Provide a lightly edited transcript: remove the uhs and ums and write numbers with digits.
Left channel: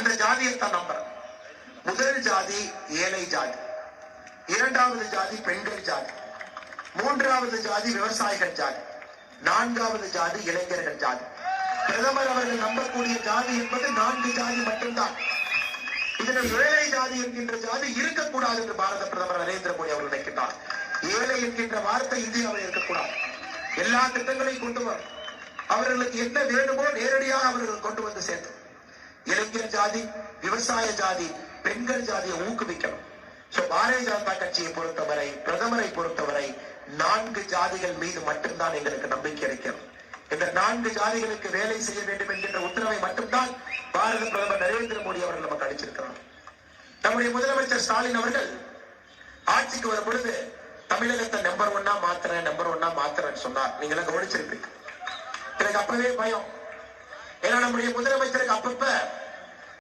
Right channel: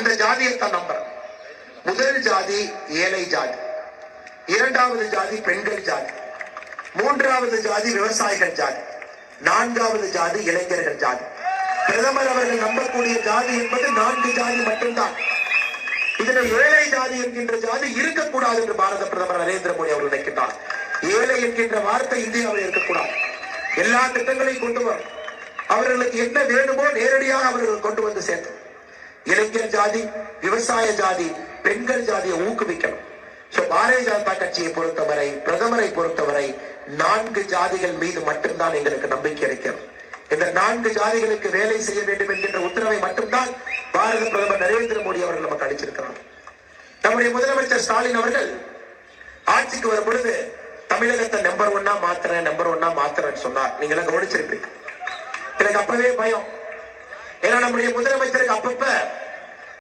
அந்த ஜாதியை தான் நம்புறேன். முதல் ஜாதி ஏழை ஜாதி, இரண்டாவது ஜாதி பெண்கள் ஜாதி, மூன்றாவது ஜாதி விவசாயிகள் ஜாதி, நான்காவது ஜாதி இளைஞர்கள் ஜாதி. பிரதமர் அவர்கள் நம்பக்கூடிய ஜாதி என்பது 4 ஜாதி மட்டும்தான். இதுல ஏழை ஜாதி என்கின்ற ஜாதி இருக்கக்கூடாது என்று பாரத பிரதமர் நரேந்திர மோடி அவர்கள் நினைக்கிறார். ஏழை என்கின்ற வார்த்தை இந்தியாவில் இருக்கக்கூடாது. எல்லா திட்டங்களையும் கொண்டு வரும். அவர்களுக்கு என்ன வேண்டுமோ நேரடியாக அவர்கள் கொண்டு வந்து சேர்த்து இளைஞர் ஜாதி, விவசாய ஜாதி, பெண்கள் ஜாதியை ஊக்குவிக்கணும். பாரதிய ஜனதா கட்சியை பொறுத்தவரை, பிரதமரை பொறுத்தவரை 4 ஜாதிகள் மீது மட்டும்தான் எங்களுக்கு நம்பிக்கை இருக்கிறது. இந்த 4 ஜாதிகளுக்கு வேலை செய்ய வேண்டும் என்கின்ற உத்தரவை மட்டும்தான் பாரத பிரதமர் நரேந்திர மோடி அவர்கள் நமக்கு அளிச்சிருக்கிறார். நம்முடைய முதலமைச்சர் ஸ்டாலின் அவர்கள் ஆட்சிக்கு வரும் பொழுது தமிழகத்தை நம்பர் 1 மாத்துறேன்னு சொன்னார். நீங்க எல்லாம் கவனிச்சிருப்பீங்க. எனக்கு அப்பவே பயம். ஏன்னா நம்முடைய முதலமைச்சருக்கு அப்பப்ப